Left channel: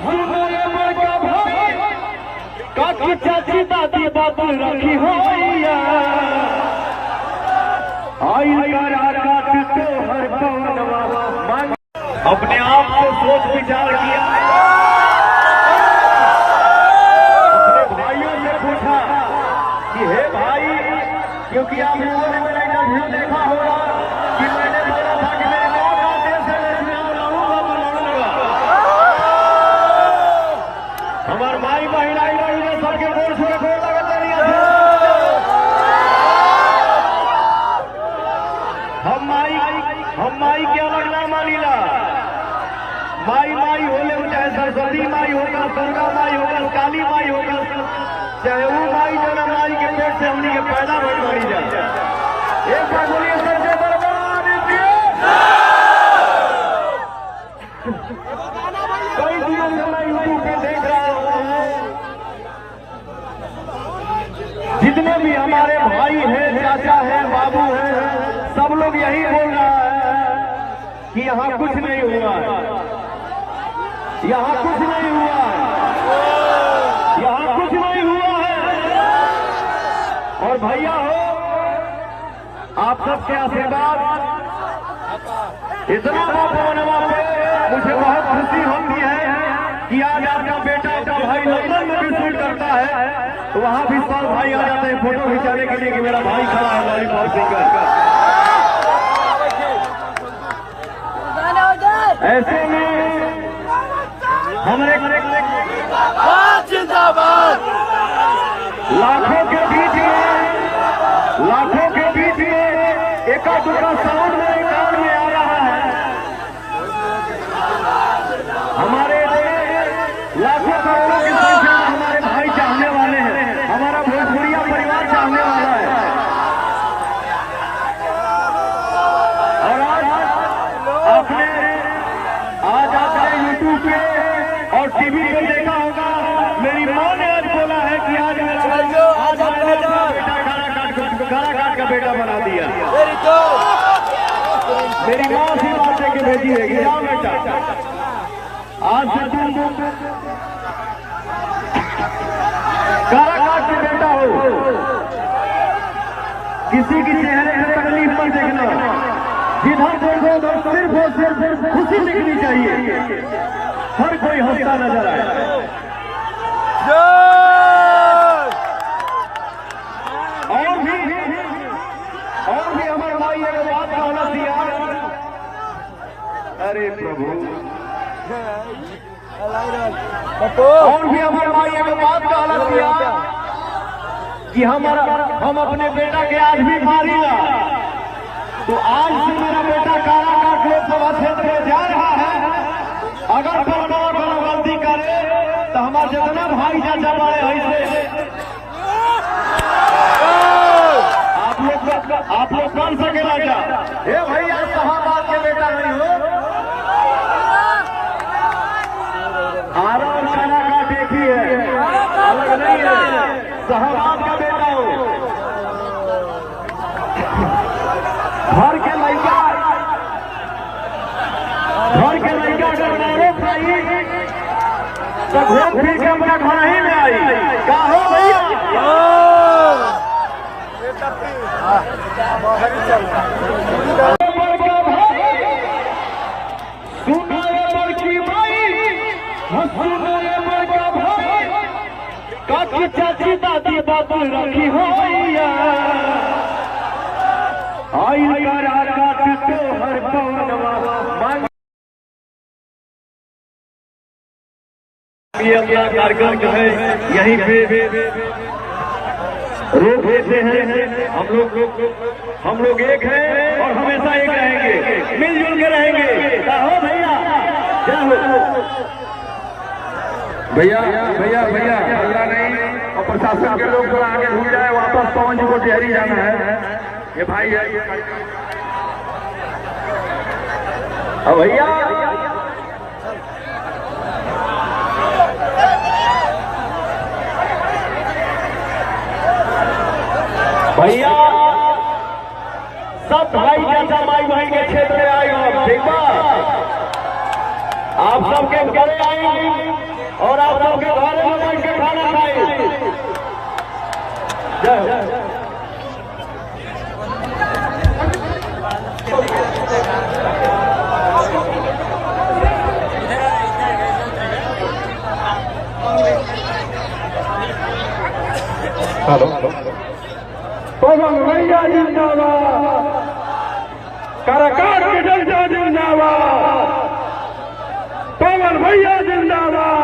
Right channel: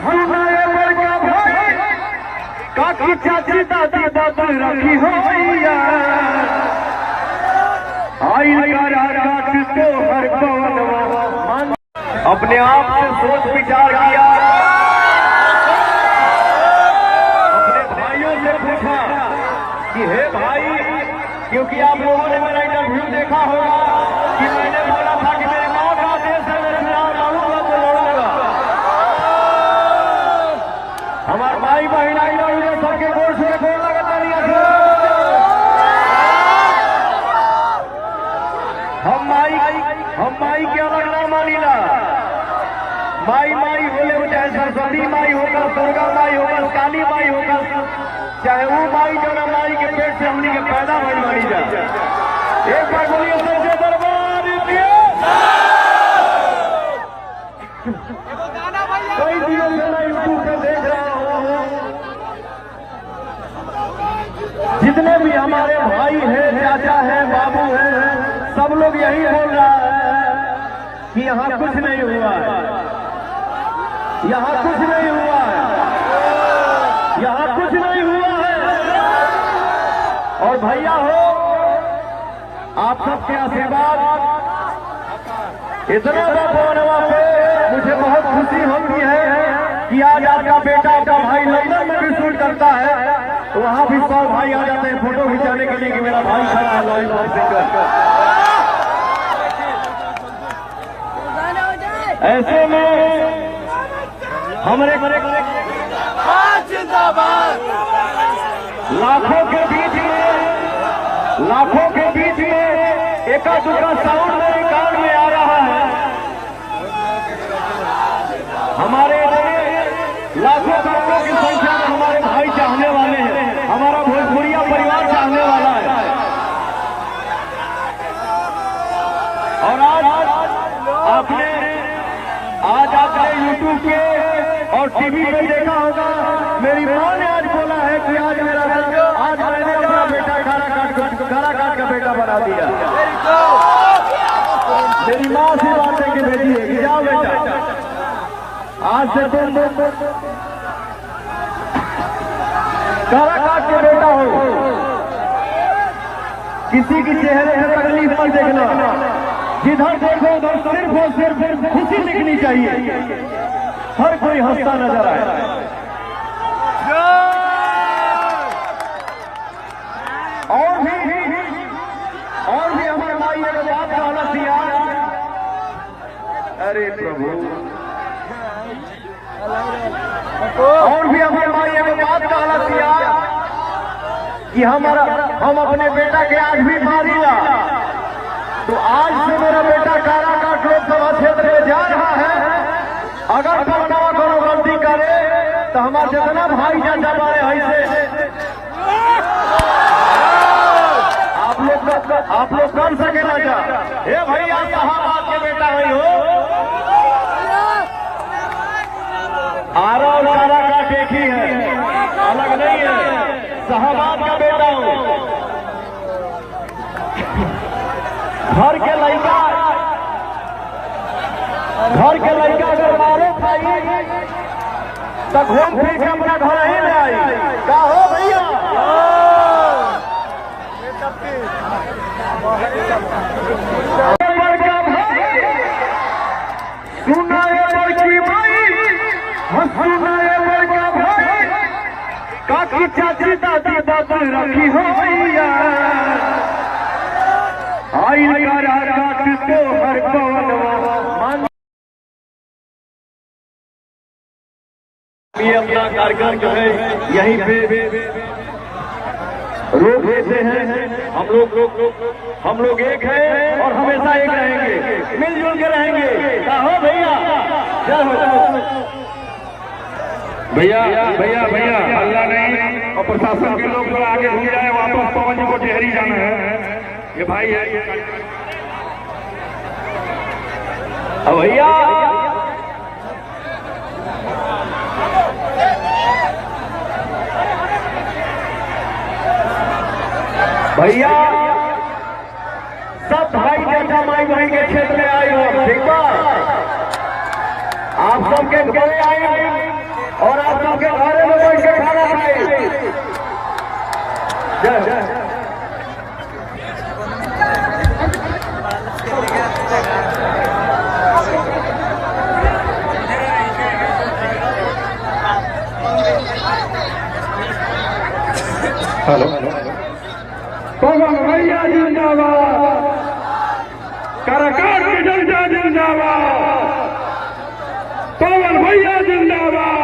हंसुनाए बड़का भाई काकी चाची दादी बात रखी हो आई काट तो हर पवन अपने आप से सोच विचार किया, अपने भाइयों से पूछा कि हे भाई, क्योंकि आप लोगों ने मेरा इंटरव्यू देखा होगा कि मैंने बोला था कि मेरे माँ का देश है, मैं चुनाव लड़ूंगा तो लड़ूंगा। हमारे भाई बहन आई लड़ूंगे सबके गोल छुके गोल लगता नहीं है। हम माई के अलग ना मानीला। माई माई होले चाहे सरस्वती माई होगा, दुर्गा माई होगा, काली माई होगा, चाहे वो माई जो ना माई के पेट से हमनी के पैदा बन मानी जा। एक बार बोलिए सबसे दरबार कई दिनों से मैं यूट्यूब पे देख रहा हूँ, जितने भी हमारे भाई हैं, चाचा हैं, बाबू हैं, सब लोग यही बोल रहा है कि यहाँ कुछ नहीं हुआ है, यहाँ कुछ नहीं हुआ है, यहाँ कुछ नहीं हुआ है। और भैया हो, आप सबके आशीर्वाद इतना बाबा पे मुझे बहुत खुशी होती है कि आज आपका बेटा, आपका भाई लंदन में भी शूट करता है, तो वहां भी सब भाई आ जाते हैं फोटो खिंचाने के लिए कि मेरा भाई खड़ा है लॉलीपॉप सिंगर। ऐसे में हमारे लाखों के बीच में एका दुका साउंड मेरे कान में आ रहा है। हमारे लाखों करोड़ों की संख्या में हमारे भाई चाहने वाले हैं, हमारा भोजपुरिया परिवार चाहने वाला है। और आपने यूट्यूब पे और टीवी पे देखा होगा, मेरी माँ ने आज बोला है कि आज मैंने अपना बेटा काराकाट का बेटा बना दिया। मेरी माँ से बात है कि भेजी है कि जाओ बेटा, आज से तुम काराकाट के बेटा हो। किसी के चेहरे से तकलीफ मत देखना, जिधर देखो उधर सिर्फ और सिर्फ खुशी दिखनी चाहिए, हर कोई हंसता नजर आए। और भी हमारे भाई एक बात कहना दिया, अरे प्रभु, और भी हमारे भाई एक बात कहना दिया कि हम अपने बेटा के आज भी मारेगा। तो आज से मेरा बेटा काराकाट लोकसभा क्षेत्र में जा रहा है। अगर पलटवा कोनो गलती करे तो हमारे जितना भाई चाचा बारे ऐसे आप लोग कर सके ना क्या? हे भैया, साहबाद के बेटा नहीं हो, आरा और काराकाट एक ही है, अलग नहीं है। साहबाद का बेटा हो, घर के लड़का अगर मारो भाई तो घूम फिर के अपना घर ही में आई। क्या हो भैया? बड़का भाई सुनाए बड़की भाई, सुनाए बड़का भाई काकी चाची दादी बात रखी हो आई काराकाट तो हर पवन। ये अपना कार्यक्रम जो है यहीं पे रोक देते हैं। हम लोग एक हैं और हमेशा एक रहेंगे, मिलजुल के रहेंगे। क्या हो भैया? क्या हो भैया अल्लाह नहीं, और प्रशासन के लोग थोड़ा आगे घूम जाए, वापस पवन जी को डेहरी जाना है। ये भाई है भैया, भैया सब भाई चाचा माई बहन के क्षेत्र में आए हो, ठीक बा? आप सबके घरे आए और आप सबके घरे में बैठ के खाना खाई। जय हेलो पवन भैया जिंदाबाद, काराकाट के जलसा जिंदाबाद, पवन भैया जिंदाबाद।